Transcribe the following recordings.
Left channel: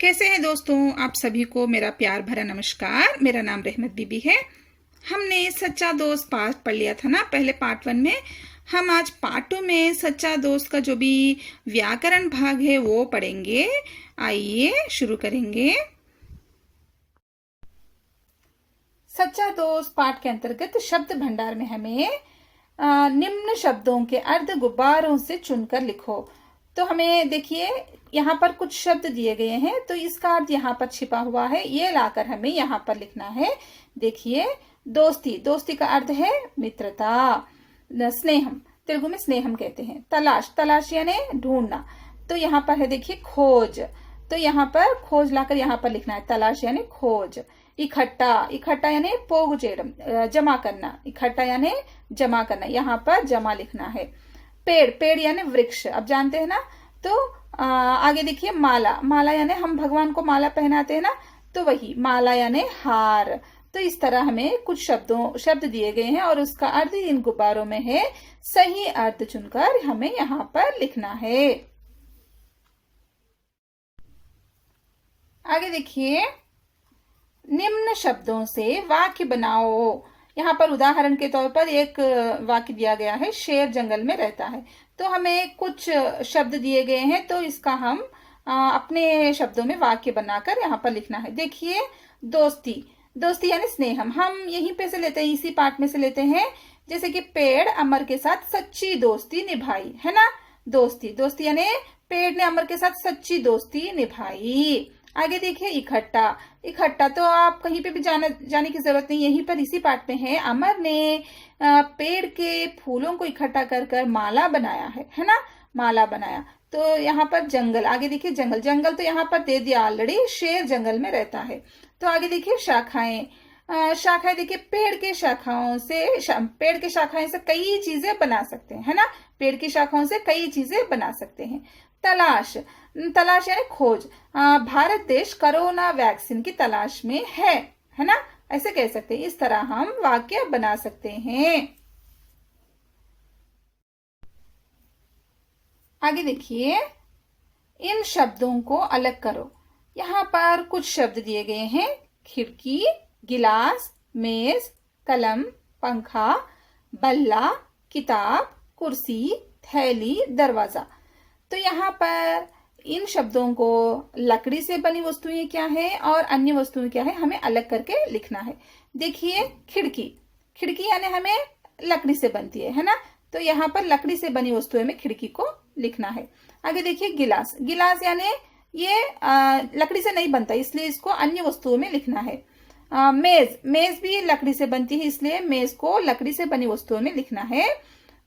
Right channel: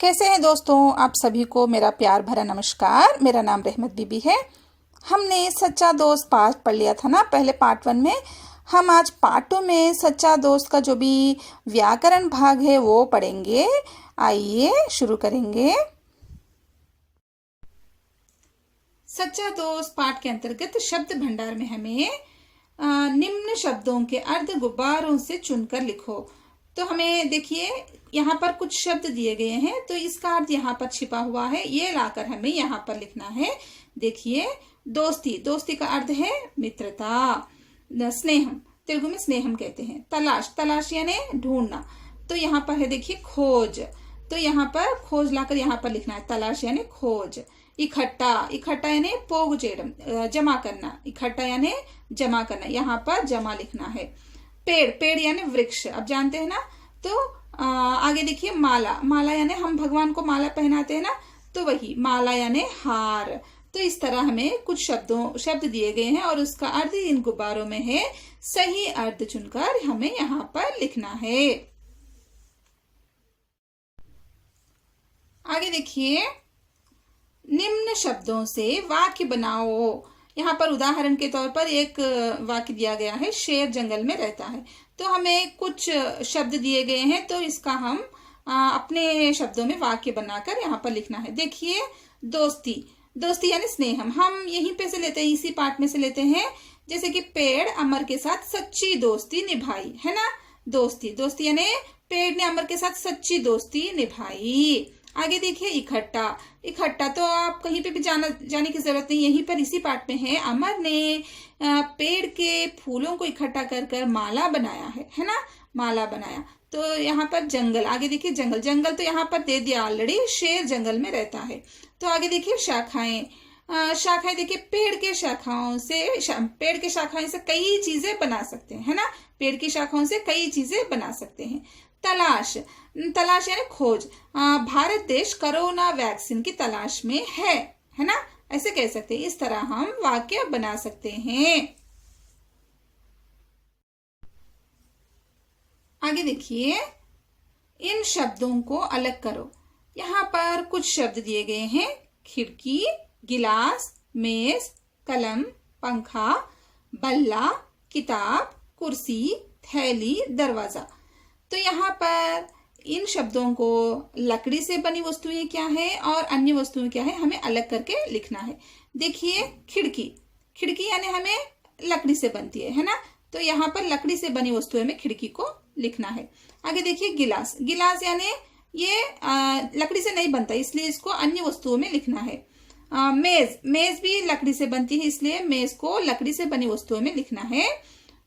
कैसे हैं दोस्तों? आप सभी को मेरा प्यार भरा नमस्कार। मेरा नाम रहमत बीबी है। हमने सच्चा दोस्त पार्ट पढ़ लिया था ना, पहले पार्ट 1 में। हम आज पार्ट 2 में सच्चा दोस्त का जो भी व्याकरण भाग है वो पढ़ेंगे। आइए शुरू करेंगे। सच्चा दोस्त पाठ के अंतर्गत शब्द भंडार में हमें निम्न शब्दों के अर्थ गुब्बारों से चुनकर लिखो। तो हमें देखिए यहाँ पर कुछ शब्द दिए गए हैं, तो इसका अर्थ यहाँ पर छिपा हुआ है, ये लाकर हमें यहाँ पर लिखना है। देखिए, दोस्ती, दोस्ती का अर्थ है मित्रता। स्नेहम, तेलुगु में स्नेहम कहते हैं। तलाश, तलाश यानी ढूंढना। तो यहाँ पर है देखिए खोज, तो यहाँ पर खोज लाकर यहाँ पर लिखना है, तलाश यानी खोज। इकट्ठा, इकट्ठा यानी पोग चेयडम, जमा करना। इकट्ठा यानी जमा करना, यहाँ पर जमा लिखना है। पेड़, पेड़ यानी वृक्ष, अब जानते हैं ना। तो आगे देखिए माला, माला यानी हम भगवान को माला पहनाते हैं ना, तो वही माला यानी हार। तो इस तरह हमें कुछ शब्द दिए गए हैं और उसका अर्थ इन गुब्बारों में है। सही अर्थ चुनकर हमें यहाँ पर लिखना है। आगे देखिए, निम्न शब्दों से वाक्य बनाओ। यहाँ पर उदाहरण के तौर पर एक वाक्य दिया गया है, शेर जंगल में रहता है। तो हमें कुछ शब्द दिए गए हैं, तो इसका हम अपने शब्दों में वाक्य बनाकर यहाँ पर लिखना है। देखिए, दोस्ती, दोस्ती यानी स्नेहम, हम यहीं पे से लेते हैं, इसी पार्ट में से लेते हैं। जैसे कि पेड़ अमर के साथ सच्ची दोस्ती निभाई, है ना। दोस्ती, दोस्ती यानी पेड़ ने अमर के साथ सच्ची दोस्ती निभाई। आगे देखिए इकट्ठा, इकट्ठा तो आप कहीं पे भी जाने की जरूरत नहीं, यहीं पर इसी पाठ में है। अमर ने पेड़ के फूलों को इकट्ठा कर कर माला बनाया है ना, माला बनाया। तो यहाँ पर जंगल, आगे देखिए जंगल, जंगल तो यहाँ पर दे दिया ऑलरेडी, शेर जंगल में रहता है। तो आगे देखिए शाखाएं, शाखाएं देखिए पेड़ के शाखाओं से, पेड़ के शाखाएं से कई चीजें बना सकते हैं, है ना। पेड़ की शाखाओं से कई चीजें बना सकते हैं। तलाश, तलाश यानी खोज, भारत देश कोरोना वैक्सीन की तलाश में है ना, ऐसे कह सकते हैं। इस तरह हम वाक्य बना सकते हैं। आगे देखिए, इन शब्दों को अलग करो। यहाँ पर कुछ शब्द दिए गए हैं, खिड़की, गिलास, मेज, कलम, पंखा, बल्ला, किताब, कुर्सी, थैली, दरवाजा। तो यहाँ पर इन शब्दों को लकड़ी से बनी वस्तुएं क्या है और अन्य वस्तुएं क्या है, हमें अलग करके लिखना है। देखिए, खिड़की, खिड़की यानी हमें लकड़ी से बनती है ना। तो यहाँ पर लकड़ी से बनी वस्तुएं में खिड़की को लिखना है। आगे देखिए गिलास, गिलास यानी ये लकड़ी से नहीं बनता, इसलिए इसको अन्य वस्तुओं में लिखना है। मेज, मेज भी लकड़ी से बनती है, इसलिए मेज को लकड़ी से बनी वस्तुओं में लिखना है।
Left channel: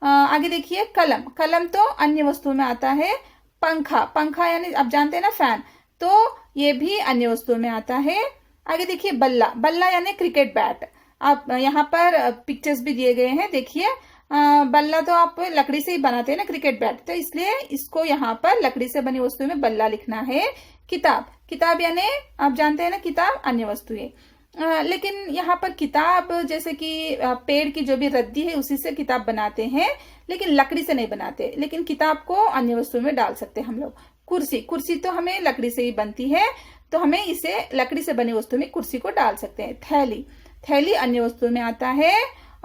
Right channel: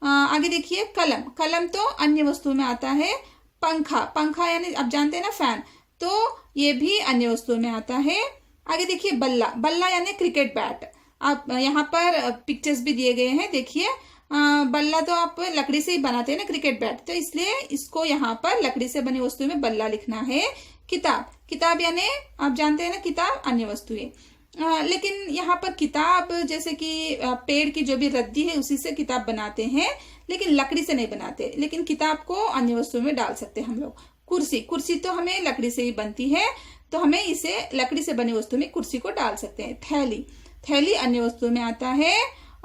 आगे देखिए कलम, कलम तो अन्य वस्तुओं में आता है। पंखा, पंखा यानी आप जानते हैं ना फैन, तो ये भी अन्य वस्तुओं में आता है। आगे देखिए बल्ला, बल्ला यानी क्रिकेट बैट। आप यहाँ पर पिक्चर्स भी दिए गए हैं, देखिए बल्ला तो आप लकड़ी से ही बनाते हैं ना, क्रिकेट बैट, तो इसलिए इसको यहाँ पर लकड़ी से बनी वस्तुओं में बल्ला लिखना है। किताब, किताब यानी आप जानते हैं ना किताब अन्य वस्तुएं। लेकिन यहाँ पर किताब जैसे कि पेड़ की जो भी रद्दी है उसी से किताब बनाते हैं, लेकिन लकड़ी से नहीं बनाते। लेकिन किताब को अन्य वस्तु में डाल सकते हैं हम लोग। कुर्सी, कुर्सी तो हमें लकड़ी से ही बनती है, तो हमें इसे लकड़ी से बनी वस्तु में कुर्सी को डाल सकते हैं। थैली, थैली अन्य वस्तु में आता है।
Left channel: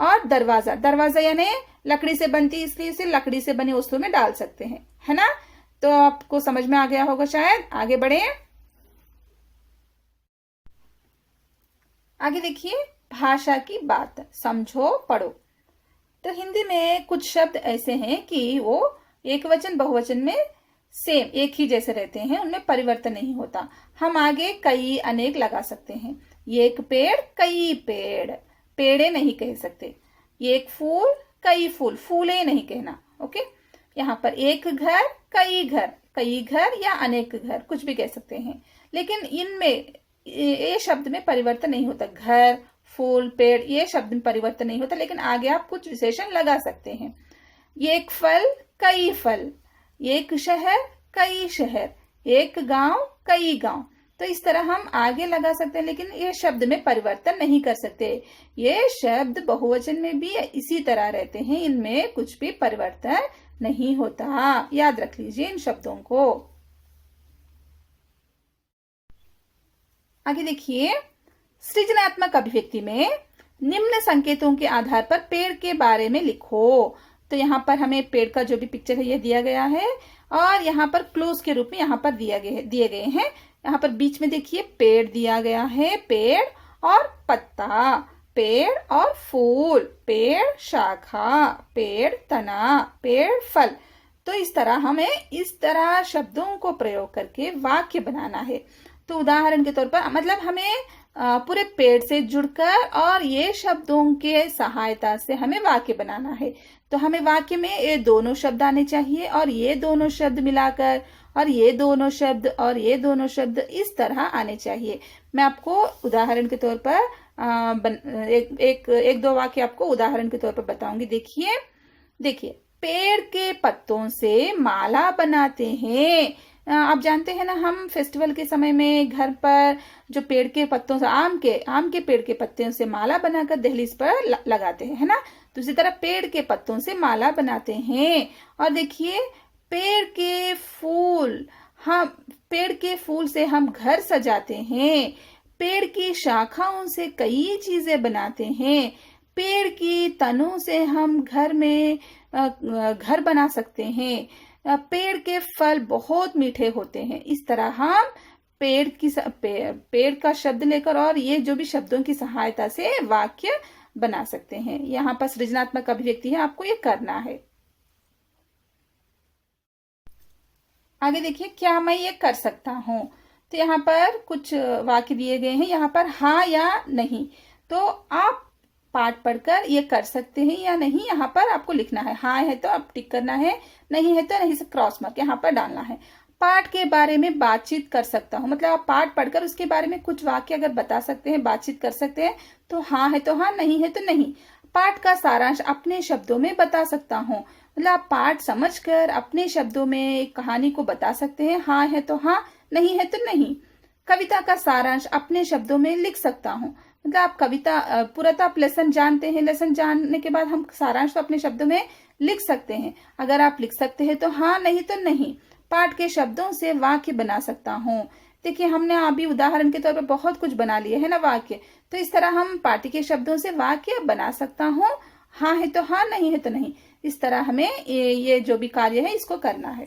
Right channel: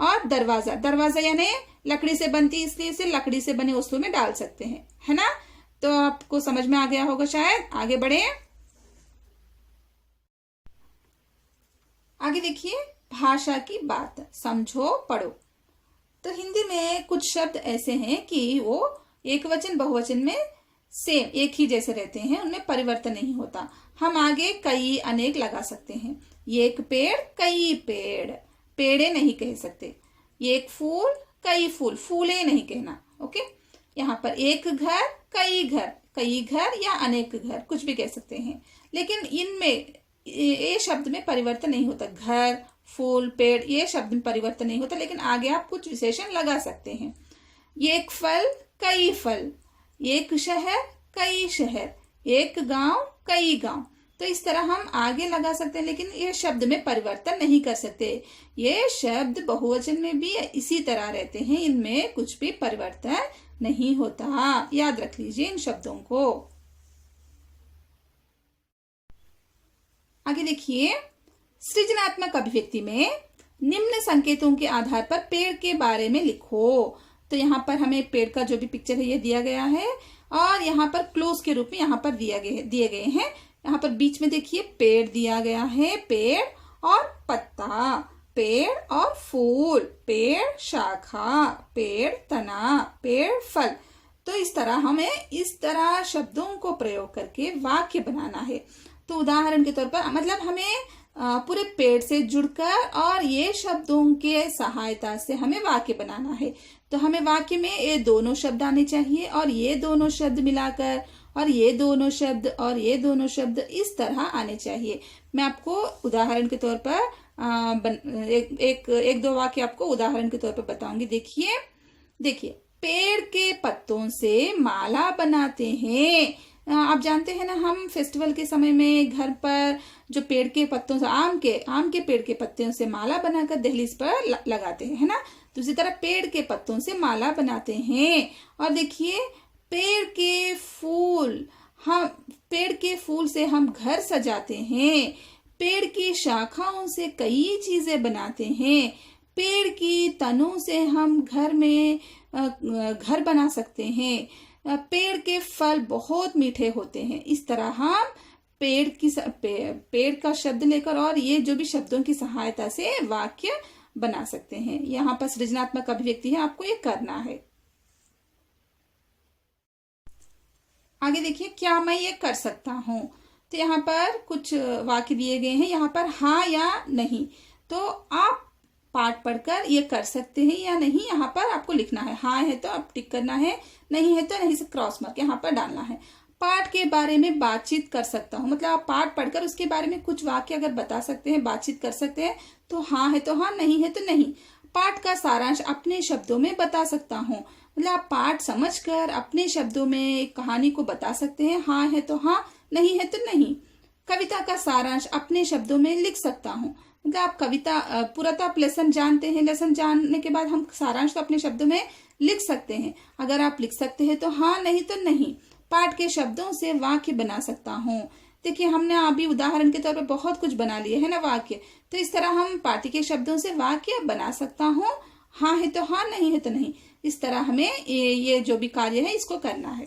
और दरवाजा, दरवाजा यानी लकड़ी से बनती है, इसलिए इसे लकड़ी से बनी वस्तु में डाल सकते हैं, है ना। तो आपको समझ में आ गया होगा शायद। आगे बढ़े। आगे देखिए, भाषा की बात, समझो पढ़ो। तो हिंदी में कुछ शब्द ऐसे हैं कि वो एक वचन बहुवचन में सेम एक ही जैसे रहते हैं, उनमें परिवर्तन नहीं होता। हम आगे कई अनेक लगा सकते हैं। ये एक पेड़, कई पेड़, पेड़े नहीं कह सकते। ये एक फूल, कई फूल, फूले नहीं कहना। ओके, यहाँ पर एक घर, कई घर, कई घर या अनेक घर, कुछ भी कह सकते हैं। लेकिन इनमें ये शब्द में परिवर्तन नहीं होता। घर, फूल, पेड़, ये शब्द में परिवर्तन नहीं होता, लेकिन आगे आप कुछ विशेषण लगा सकते हैं। एक फल, कई फल, एक शहर, कई शहर, एक गांव, कई गांव। तो इस तरह हम आगे लगा सकते हैं, लेकिन ये शब्द में परिवर्तन नहीं कर सकते। ये शब्द बहुवचन में भी इसी तरह रहते हैं, इनमें कुछ भी परिवर्तन नहीं होता। याद रख लीजिए इन शब्दों को। आगे देखिए, सृजनात्मक अभिव्यक्ति में निम्न संकेतों के आधार पर पेड़ के बारे में लिखो। तो यहाँ पर हमें पेड़ का जो भी पिक्चर है ये दिया गया है और यहाँ पर क्लोज के रूप में यहाँ पर दिए गए हैं। यहाँ पर बीच में देखिए पेड़ दिया गया है, पेड़ और पत्ता, पेड़ और फूल, पेड़ शाखा, पेड़ तना, पेड़ फल। तो इस तरह हमें इस तरह शब्दों को प्रयोग करके वाक्य बनाना है। तो उदाहरण के तौर पर मतलब हमें पूरे पेड़ से जुड़कर और ये शब्दों के सहायता से हमें वाक्य बनाना है। तो हमें वाक्य में ये दोनों शब्द आने चाहिए और ये दोनों शब्द मिलाकर और ये दोनों शब्द और ये दोनों शब्द इस तरह आने चाहिए। मैं आपको उदाहरण के तौर पर एक दो वाक्य आपको उदाहरण के तौर पर बताऊंगी। देखिए, पेड़ के पत्तों से माला बनाते हैं। आप जानते हैं ना, हम फेस्टिवल के समय में घर पर जो पेड़ के पत्तों से आम के पेड़ के पत्तों से माला बनाकर दहलीज पर लगाते हैं, है ना। तो इसी तरह पेड़ के पत्तों से माला बनाते हैं। और देखिए, पेड़ के फूल से हम घर सजाते हैं। पेड़ की शाखाओं से कई चीजें बनाते हैं। पेड़ की तनों से हम घर बना सकते हैं। पेड़ के फल बहुत मीठे होते हैं। इस तरह हम पेड़ का शब्द लेकर और ये जो भी शब्दों की सहायता से वाक्य बना सकते हैं। यहाँ पर सृजनात्मक अभिव्यक्ति है, आपको ये करना है। आगे देखिए, क्या मैं ये कर सकता हूँ। तो यहाँ पर कुछ वाक्य दिए गए हैं, यहाँ पर हाँ या नहीं। तो आप पाठ पढ़कर ये कर सकते हैं या नहीं, यहाँ पर आपको लिखना है। हाँ है तो आप टिक करना है, नहीं है तो नहीं से क्रॉस मार्क यहाँ पर डालना है। पाठ के बारे में बातचीत कर सकता हूँ, मतलब आप पाठ पढ़कर उसके बारे में कुछ वाक्य अगर बता सकते हैं, बातचीत कर सकते हैं, तो हाँ है तो हाँ, नहीं है तो नहीं। पाठ का सारांश अपने शब्दों में बता सकता हूँ, मतलब आप पाठ समझकर अपने शब्दों में कहानी को बता सकते हैं। हाँ है तो हाँ, नहीं है तो नहीं। कविता का सारांश अपने शब्दों में लिख सकता हूँ, मतलब आप कविता पूरा तो आप लेसन जानते हैं, लेसन जानने के बाद हम सारांश तो अपने शब्दों में लिख सकते हैं। अगर आप लिख सकते हैं तो हाँ, नहीं तो नहीं। पाठ के शब्दों से वाक्य बना सकता हूँ। देखिए, हमने अभी उदाहरण के तौर पर बहुत कुछ बना लिए है ना वाक्य। तो इस तरह हम पाठ के शब्दों से वाक्य बना सकता हूँ। हाँ है तो हाँ, नहीं है तो नहीं। इस तरह हमें ये जो भी कार्य है इसको करना है।